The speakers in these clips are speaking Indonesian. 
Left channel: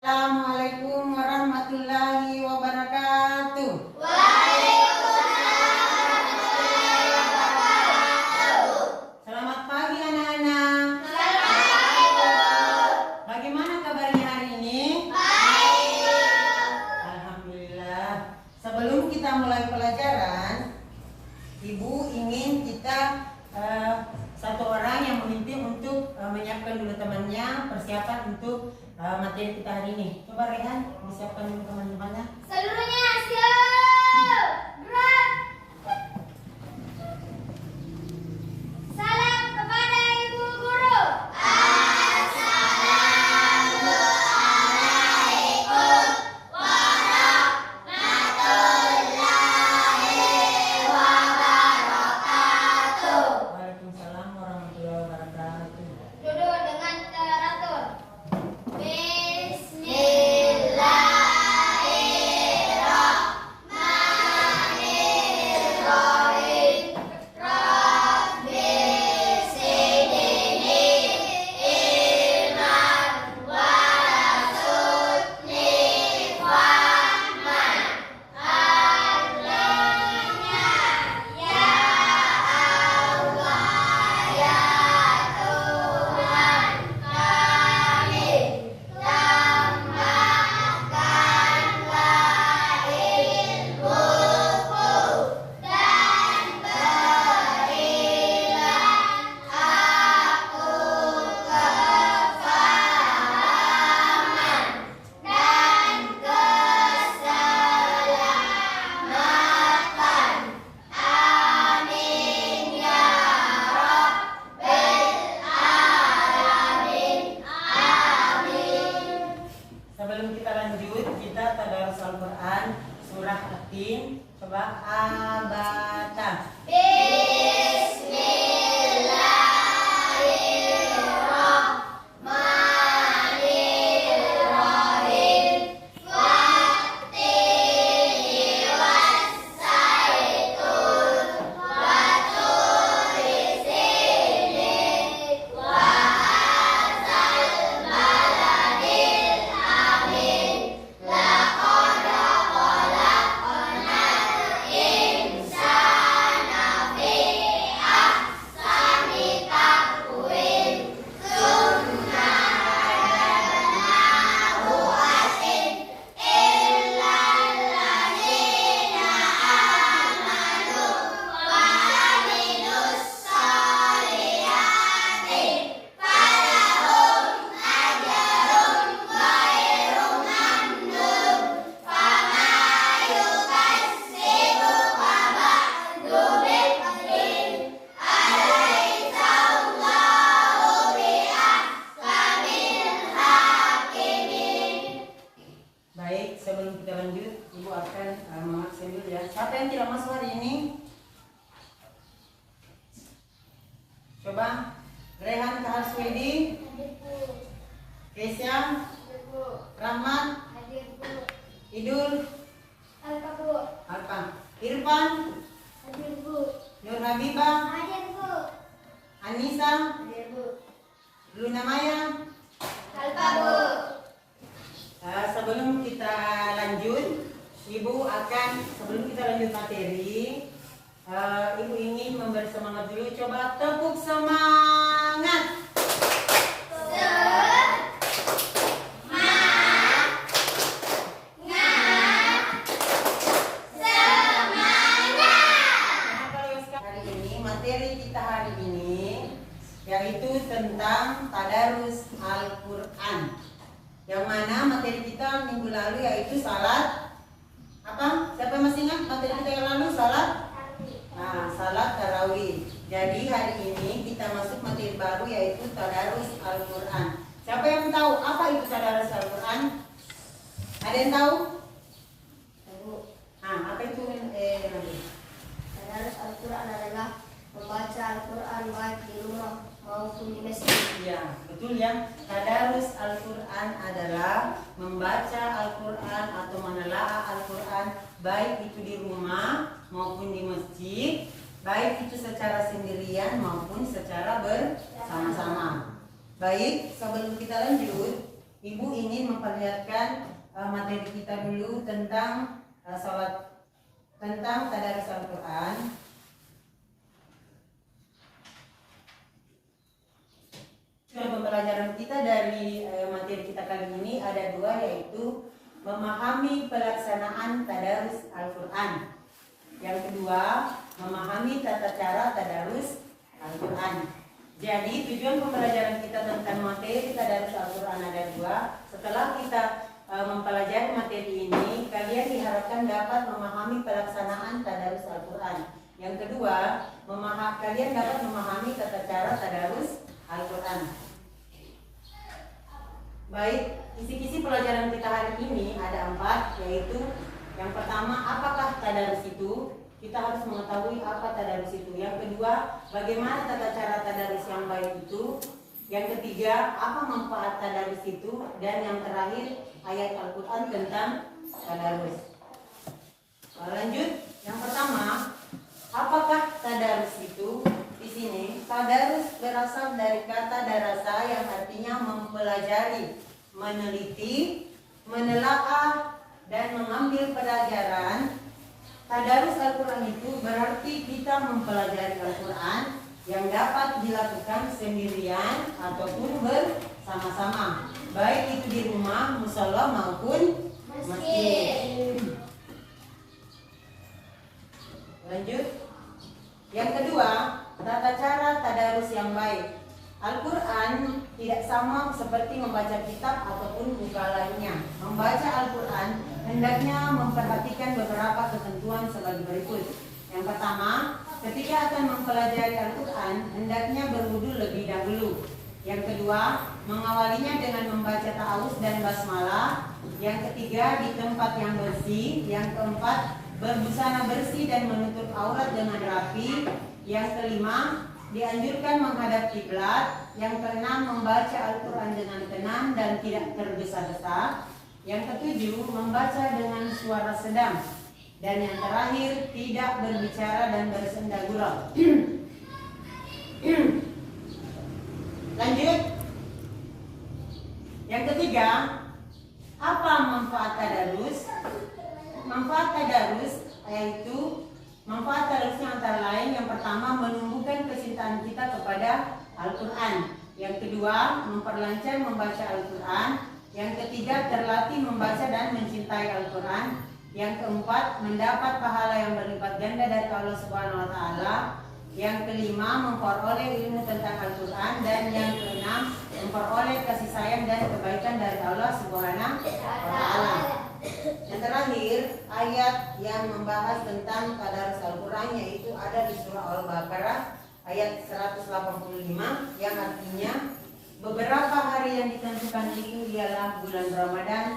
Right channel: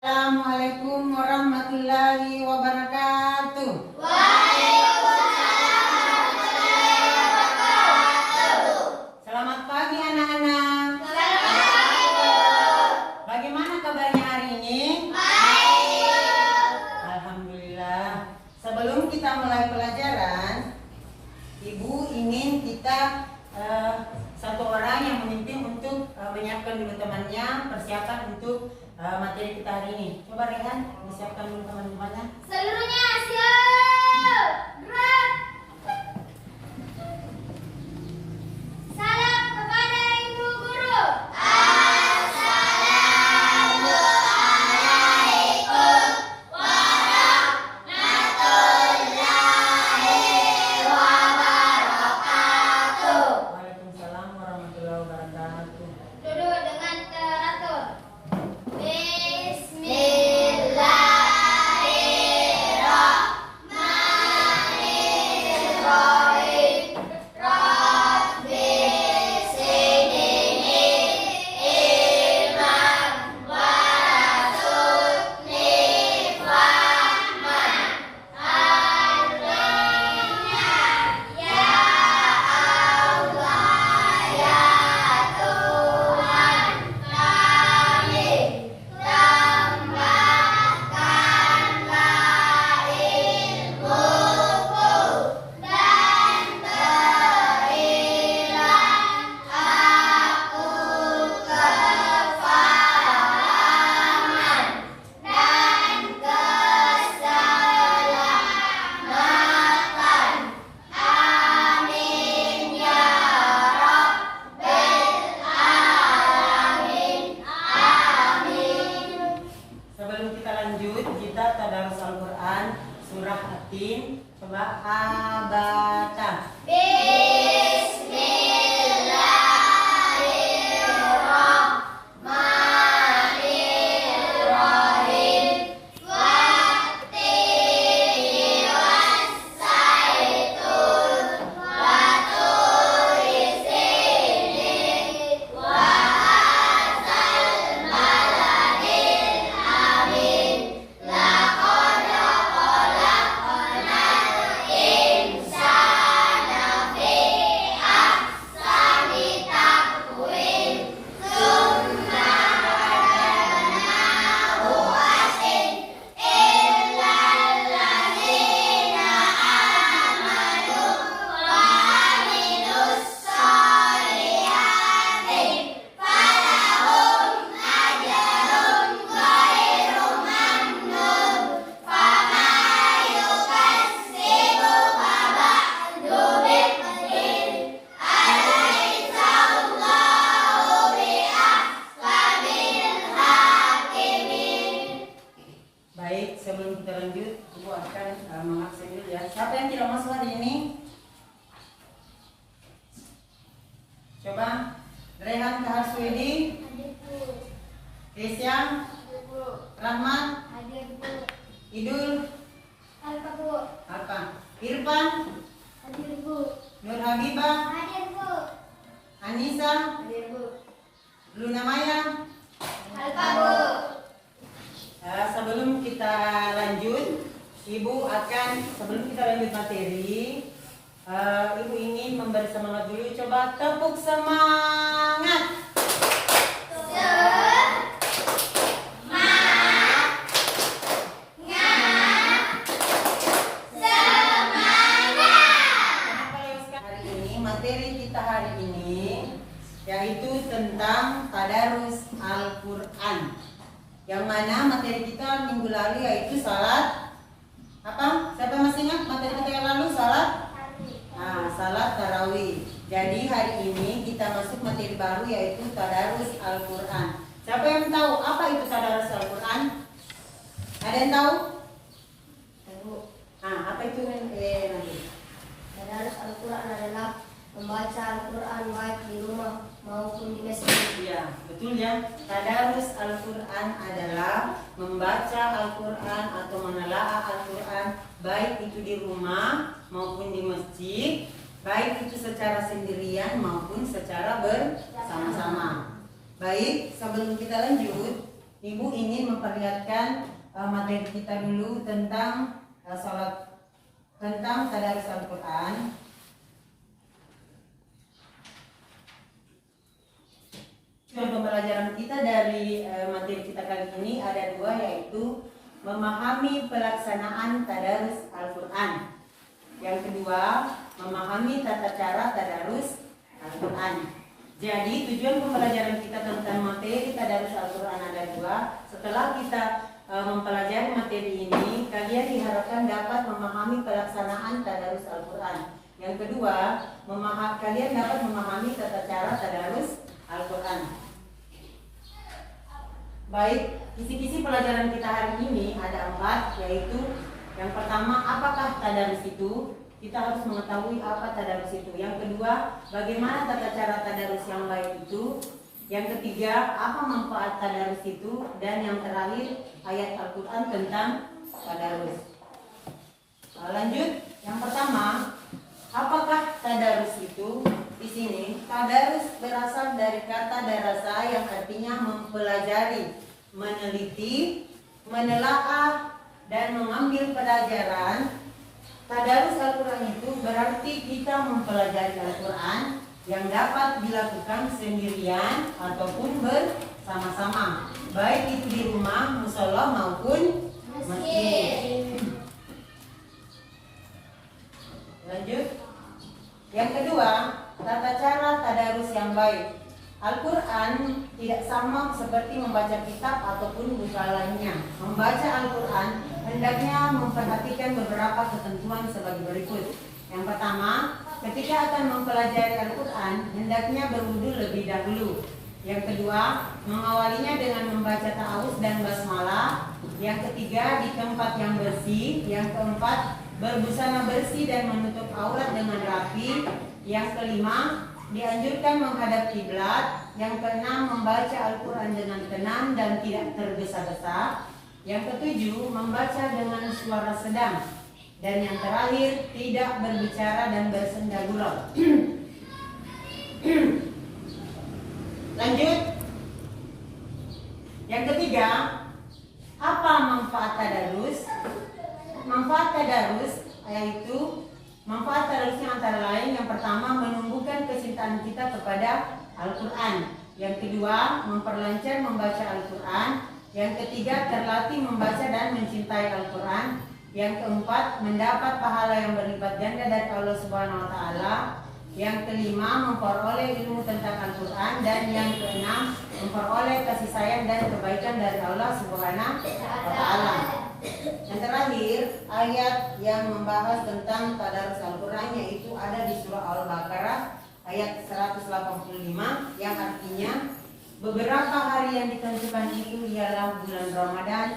Assalamualaikum warahmatullahi wabarakatuh. Waalaikumsalam warahmatullahi wabarakatuh. Selamat pagi anak-anak. Selamat pagi, Bu. Bagaimana kabarnya hari ini? Baik, Bu. Alhamdulillah. Sebelum kita mulai pelajaran, Ibu ingin kita satu orang yang memimpin untuk menyiapkan dulu temannya, persiapan untuk materi kita hari ini. Coba Rehan, disiapkan dulu teman-temannya. Seluruhnya siap. Gerak. Salam kepada Ibu Guru. Assalamualaikum warahmatullahi wabarakatuh. Waalaikumsalam warahmatullahi wabarakatuh. Duduk dengan teratur. Bismillahirrahmanirrahim. Rabbi zidni ilman warzuqni fahman. Artinya, ya Allah, ya Tuhan kami, tambahkanlah ilmuku dan berilah aku kefahaman dan keselamatan. Amin ya Rabbal alamin. Amin. Sebelum kita lanjut, kita tadarus Al-Quran surah At-Tin. Coba abata. Bismillahirrahmanirrahim. Wattini wassaitun wa turi sinin wa hadzal baladil amin. Laqad khalaqnal insana fi ahsani taqwim. Tsumma radadnahu asfala illal ladzina amanu wa amilus solihati falahum ajrun ghairu mamnun. Fama yukadzibuka ba'du biddin. Alaysa Allahu biahkamil hakimin. Baik, sebelum kita lanjut, Ibu akan mengabsen dulu ya. Siapa yang tidak masuk hari ini? Coba Rehan Kahaswedi, Hadir, Bu. Kesyam, Hadir, Bu. Rahman, Hadir, Bu. Idul, Alka, Bu. apa? Irfan, Hadir, Bu. Nur Habibah, Hadir, Bu. Anissa, Hadir, Bu. Luna Maya. Alka, Bu. Sebelum kita lanjut, Ibu akan sebelum kita lanjut materi, Ibu ingin memberi semangat dulu. Coba tepuk semangat. Hari ini materi kita hari ini yaitu tentang tadarus Al-Quran. Yang mana materi kita minggu lalu yaitu salat apa? Siapa yang masih ingat materi kita yang lalu? Salat? Salat tarawih. Jadi hari ini kita masuk materi baru yaitu tadarus Al-Quran. Siapa yang tahu apa itu tadarus Al-Quran? Ada yang tahu? Apa itu nanti? Tadarus Al-Quran adalah membaca Al-Quran baik di rumah maupun di masjid. Ya, betul ya. Tadarus Al-Quran adalah membaca Al-Quran atau menelaah Al-Quran baik itu di rumah maupun di masjid, baik itu secara sendirian maupun secara bersama-sama. Baik, sebelum kita lanjut, Ibu ingin memperlihatkan materi kita dulu tentang tentang tadarus Al-Quran. Pembelajaran kita dari materi kita kali ini ada dua, yaitu memahami pelaksanaan tadarus Al-Quran. Yang kedua, memahami tata cara tadarus Al-Quran. Jadi tujuan pembelajaran kita tentang materi tadarus Al-Quran ada dua. Setelah kita mempelajari materi ini, kalian diharapkan dapat memahami pelaksanaan tadarus Al-Quran. Yang kedua, kalian dapat memahami tata cara tadarus Al-Quran. Baik, kisi-kisi pelajaran kita hari ini ada 4, yaitu yang pertama, apakah tadarus itu? Kita harus mengetahui apa tadarus itu. Yang kedua, bagaimana tata cara tadarus yang baik itu. Yang ketiga, apa manfaat tadarus itu. Dan yang terakhir, ayat Al-Quran tentang tadarus. Lanjut, yang pertama, apakah tadarus itu? Di sini, tadarus berasal dari kata darasa yang artinya mempelajari, meneliti, menelaah, dan mengambil pelajaran. Tadarus Al-Quran itu berarti kita mempelajari Al-Quran yang dapat dilakukan sendirian ataupun bersama-sama, baik itu di rumah, musola maupun masjid. Lanjut. Yang kedua, tata cara tadarus yang baik. Al-Quran tidak sama seperti membaca kitab ataupun buku lainnya. Membaca Al-Quran hendaknya memperhatikan beberapa ketentuan sebagai berikut. Yang pertama, ketika akan mempelajari Al-Quran, hendaknya berwudu lebih dahulu. Yang kedua, mengawalinya dengan membaca ta'awuz dan basmalah. Yang ketiga, di tempat yang bersih. Yang keempat, berbusana bersih dan menutup aurat dengan rapi. Yang kelima, dianjurkan menghadap kiblat. Yang keenam, membaca Al-Quran dengan tenang dan tidak tergesa-gesa. Yang ketujuh, membaca dengan suara sedang. Dan yang terakhir, tidak berbicara dan bersenda gurau. Lanjut. Yang ketiga, apa manfaat tadarus? Manfaat tadarus yaitu manfaat tadarusnya antara lain, yang pertama, menumbuhkan kecintaan kita kepada Al-Quran. Yang kedua, memperlancar membaca Al-Quran. Yang ketiga, terlatih membaca dan mencintai Al-Quran. Yang keempat, mendapat pahala yang berlipat ganda dari Allah Subhanahu wa Ta'ala. Yang kelima, memperoleh ilmu tentang Al-Quran. Dan yang keenam, memperoleh kasih sayang dan kebaikan dari Allah Subhanahu wa Ta'ala. Yang terakhir, ayat yang membahas tentang tadarus Al-Quran yaitu ada di surah Al-Baqarah ayat 185, yang artinya beberapa hari yang ditentukan itu ialah bulan Ramadan,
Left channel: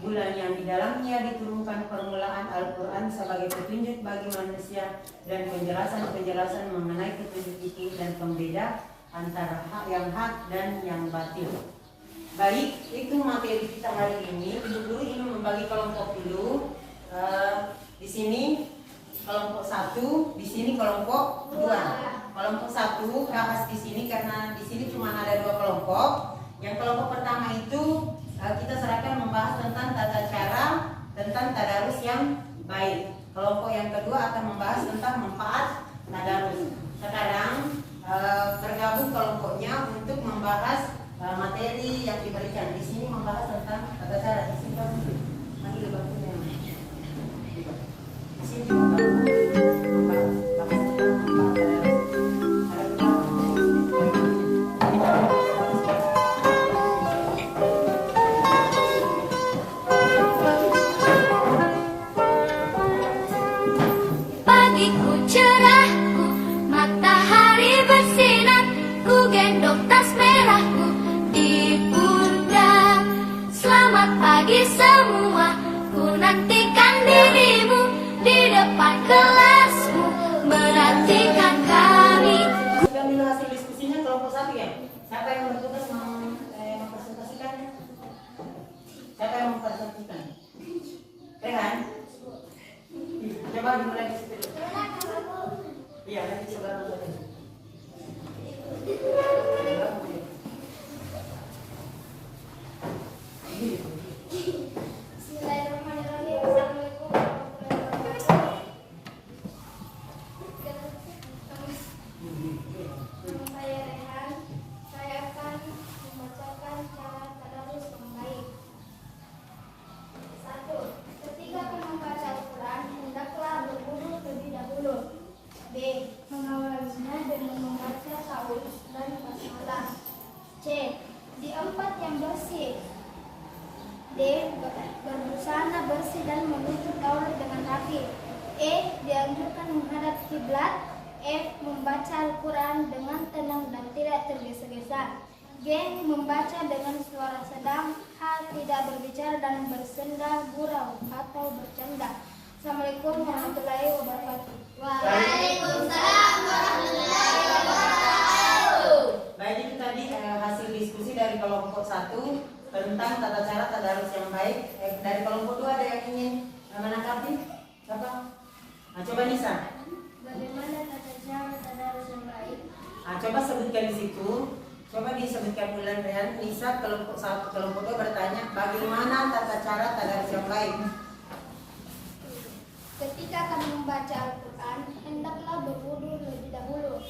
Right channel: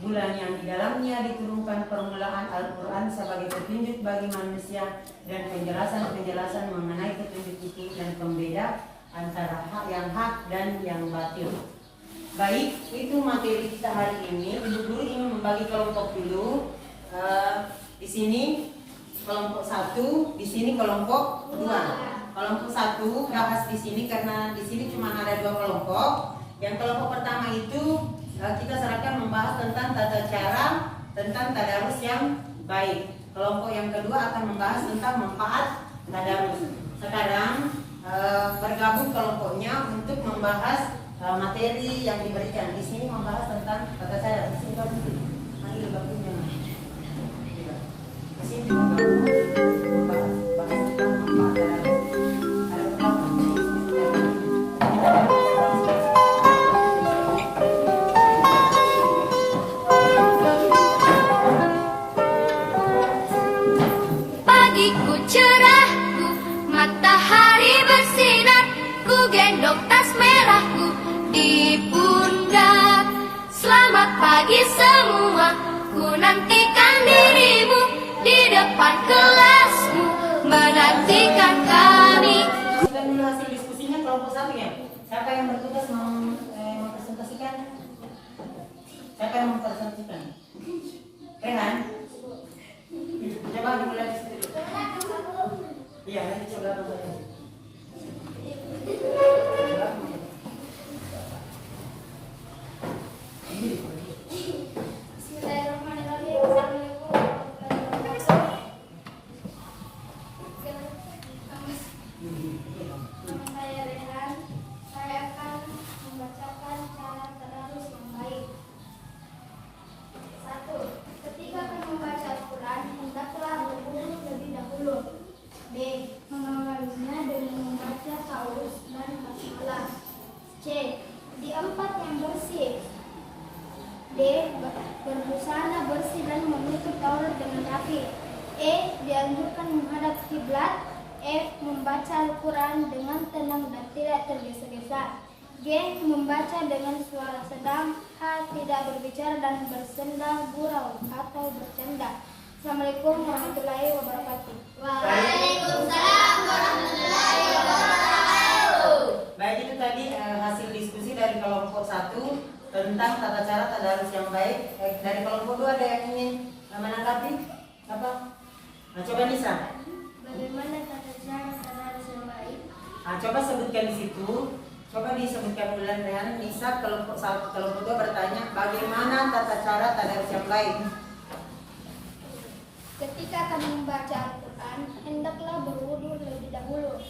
bulan yang di dalamnya diturunkan permulaan Al-Quran sebagai petunjuk bagi manusia dan penjelasan-penjelasan mengenai petunjuk itu dan pembeda antara hak dan yang batil. Baik, itu materi kita hari ini. Ibu guru ingin membagi kelompok dulu. Di sini kelompok 1, di sini kelompok 2. Kelompok 1 bahas di sini karena di sini cuma ada 2 kelompok. Yang kelompok pertama itu kita serahkan membahas tentang tata cara tentang tadarus yang baik. Kelompok yang kedua akan membahas tentang manfaat tadarus. Sekarang bergabung kelompoknya untuk membahas materi yang diberikan. Di sini membahas tentang tata cara. Di sini bagus. Nanti bakunya. Di sini juga membahas tentang manfaat tadarus. Pagiku cerahku, matahari bersinar, ku gendong tas merahku di pundak. Selamat pagi semua, ku nantikan dirimu di depan kelasmu, menantikan kami. Sudah dulu hasil diskusinya kelompok 1 ya. Siapa yang bertugas mempresentasikan? Siapa yang mempresentasikan? Rehan? Coba dimulai di situ. Iya, nanti coba saja. D. Berbusana bersih dan menutup aurat dengan rapi. E. Dianjurkan menghadap kiblat. F. Membaca Al-Quran dengan tenang dan tidak tergesa-gesa. G. Membaca dengan suara sedang. H. Tidak berbicara dan bersenda gurau atau bercanda. Assalamualaikum warahmatullahi wabarakatuh. Waalaikumsalam warahmatullahi wabarakatuh. Baik, itu tadi hasil diskusi dari kelompok 1 tentang tata cara tadarus yang baik. Dari kelompok 2 ada yang ingin menanggapi? Apa? Nah, coba Nisa. Bagaimana tata cara tadarus yang baik? Nah, coba sebutkan di situ. Coba disebutkan ulang Rehan. Nisa kelompok 1, kelompok 2 bertanya, bagaimana tata cara tadarus yang baik? Ketika kami membaca Al-Quran, hendaklah berwudu lebih dahulu.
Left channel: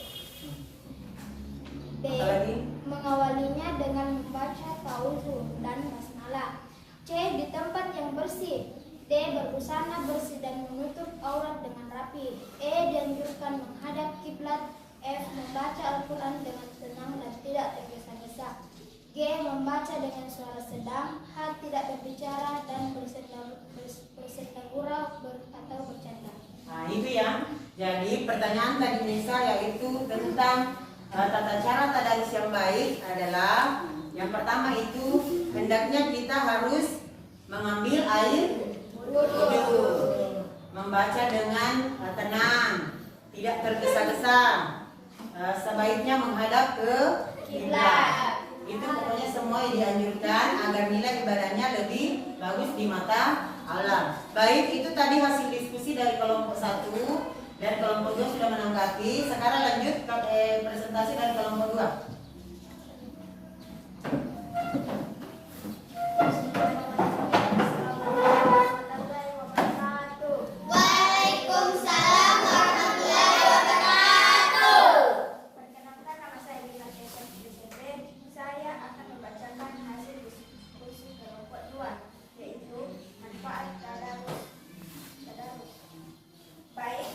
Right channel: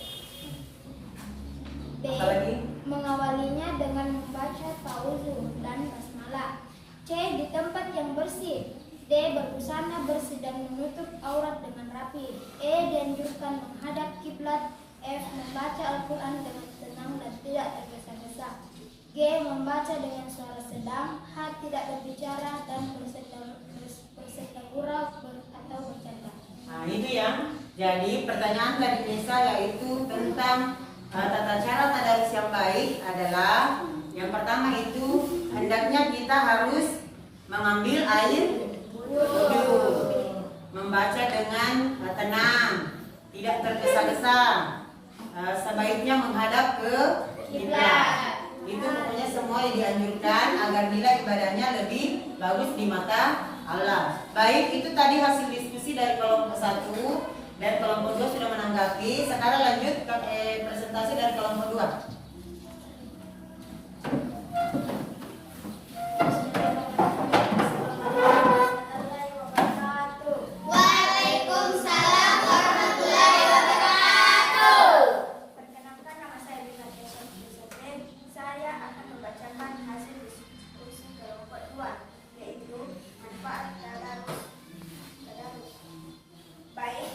B. Apalagi? Mengawalinya dengan membaca ta'awudzu dan basmalah. C. Di tempat yang bersih. D. Berbusana bersih dan menutup aurat dengan rapi. E. Dianjurkan menghadap kiblat. F. Membaca Al-Quran dengan tenang dan tidak tergesa-gesa. G. Membaca dengan suara sedang. H. Tidak berbicara dan bersenda gurau atau bercanda. Nah, itu ya. Jadi pertanyaan dari Nisa yaitu tentang tata cara tadarus yang baik adalah yang pertama itu hendaknya kita harus mengambil air wudu, membaca dengan tenang, tidak tergesa-gesa, sebaiknya menghadap ke kiblat. Itu pokoknya semua yang dianjurkan agar nilai ibadahnya lebih bagus di mata Allah. Baik, itu tadi hasil diskusi dari kelompok 1 dan kelompok 2 sudah menanggapi. Sekarang lanjut ke presentasi dari kelompok 2. Waalaikumsalam warahmatullahi wabarakatuh. Perkenalkan, nama saya Bima Kesan Yusufin. Saya akan membacakan hasil diskusi kelompok 2, yaitu manfaat tadarus. Baik.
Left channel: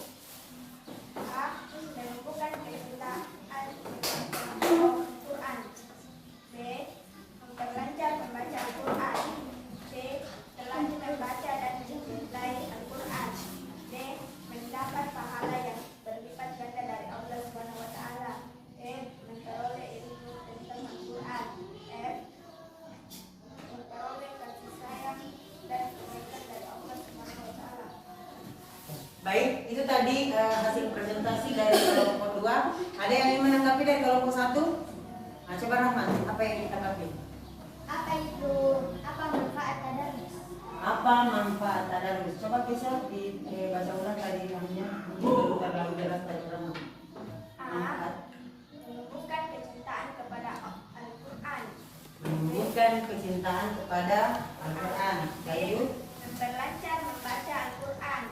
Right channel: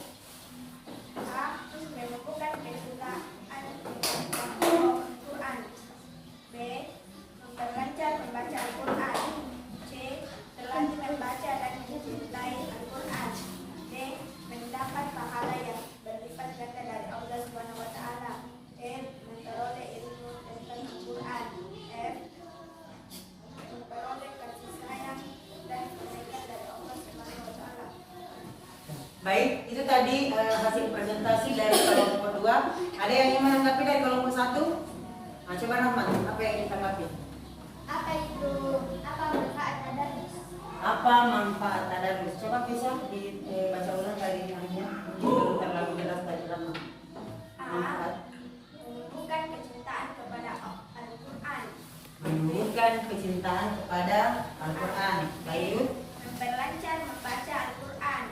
A. Menumbuhkan kecintaan kepada Al-Quran. B. Memperlancar membaca Al-Quran. C. Terlatih membaca dan mencintai Al-Quran. D. Mendapat pahala yang berlipat ganda dari Allah Subhanahu wa taala. E. Memperoleh ilmu tentang Al-Quran. F. Memperoleh kasih sayang dan kebaikan dari Allah Subhanahu wa taala. Baik, itu tadi hasil presentasi dari kelompok 2. Ada yang ingin menanggapi dari kelompok 1? Nah, coba Rahman, apa yang ditanggapi? Apa manfaat tadarus? Apa manfaat tadarus? Coba bisa dibaca ulang tadi namanya. Belum terlalu jelas dari Rahman. Manfaat. Menumbuhkan kecintaan kepada Al-Quran. Menunjukkan kecintaan kepada Al-Quran. Baik. Memperlancar membaca Al-Quran.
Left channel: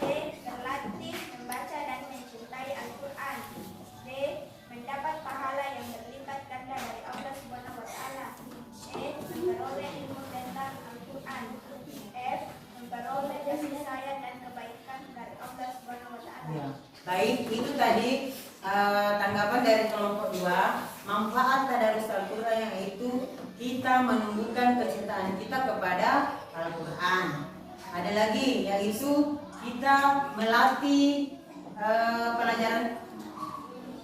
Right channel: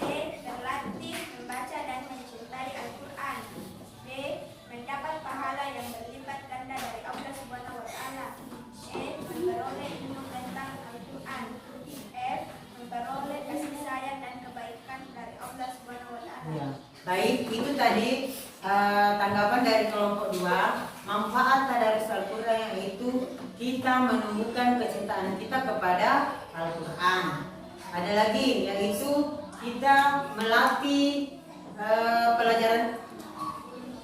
C. Terlatih membaca dan mencintai Al-Quran. D. Mendapat pahala yang berlipat ganda dari Allah Subhanahu wa taala. E. Memperoleh ilmu tentang Al-Quran. F. Memperoleh kasih sayang dan kebaikan dari Allah Subhanahu wa taala. Ya. Baik, itu tadi tanggapan dari kelompok 2. Manfaat tadarus Al-Quran yaitu kita menumbuhkan kecintaan kita kepada Al-Quran. Ada lagi yaitu kita melatih pelajaran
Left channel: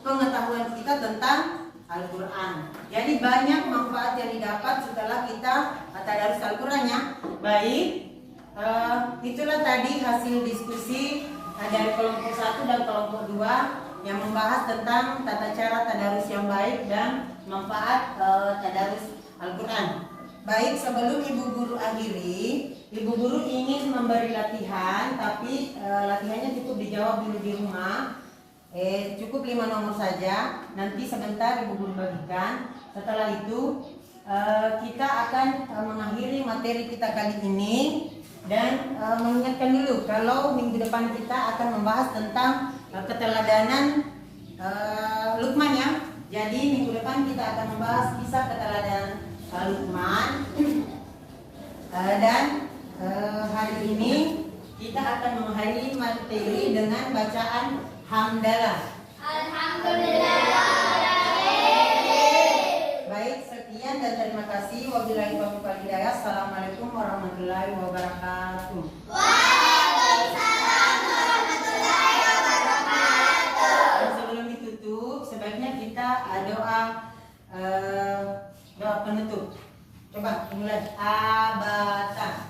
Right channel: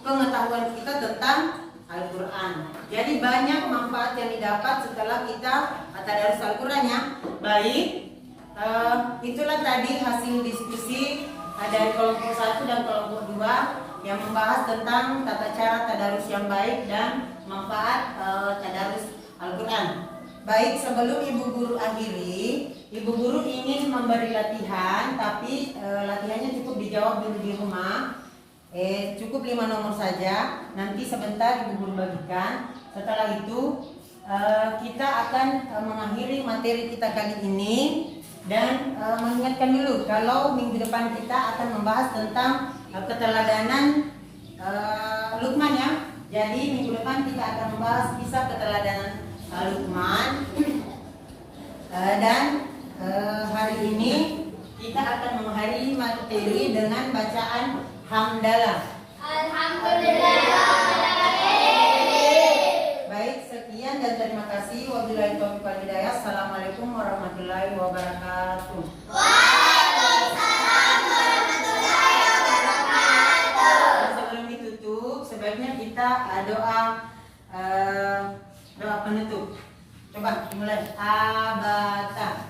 pengetahuan kita tentang Al-Quran. Jadi banyak manfaat yang didapat setelah kita tadarus Al-Qurannya. Baik, itulah tadi hasil diskusi dari kelompok 1 dan kelompok 2 yang membahas tentang tata cara tadarus yang baik dan manfaat tadarus Al-Quran. Baik, sebelum Ibu Guru akhiri, Ibu Guru ingin memberi latihan, tapi latihannya cukup dijawab dulu di rumah. Cukup 5 nomor saja. Nanti sebentar Ibu Guru bagikan. Setelah itu kita akan mengakhiri materi kita kali ini dan mengingatkan dulu kalau minggu depan kita akan membahas tentang keteladanan Luqman ya. Jadi minggu depan kita akan membahas kisah keteladanan Luqman dan hari ini kita akan mengakhiri materi dengan bacaan hamdalah. Alhamdulillah. Baik, sekian. sekian dan terima kasih. Wabillahi taufiq wal hidayah. Assalamualaikum warahmatullahi wabarakatuh. Waalaikumsalam warahmatullahi wabarakatuh. Dan sebelum ditutup, sebaiknya kita doa doa penutup. Coba dimulai. Abata.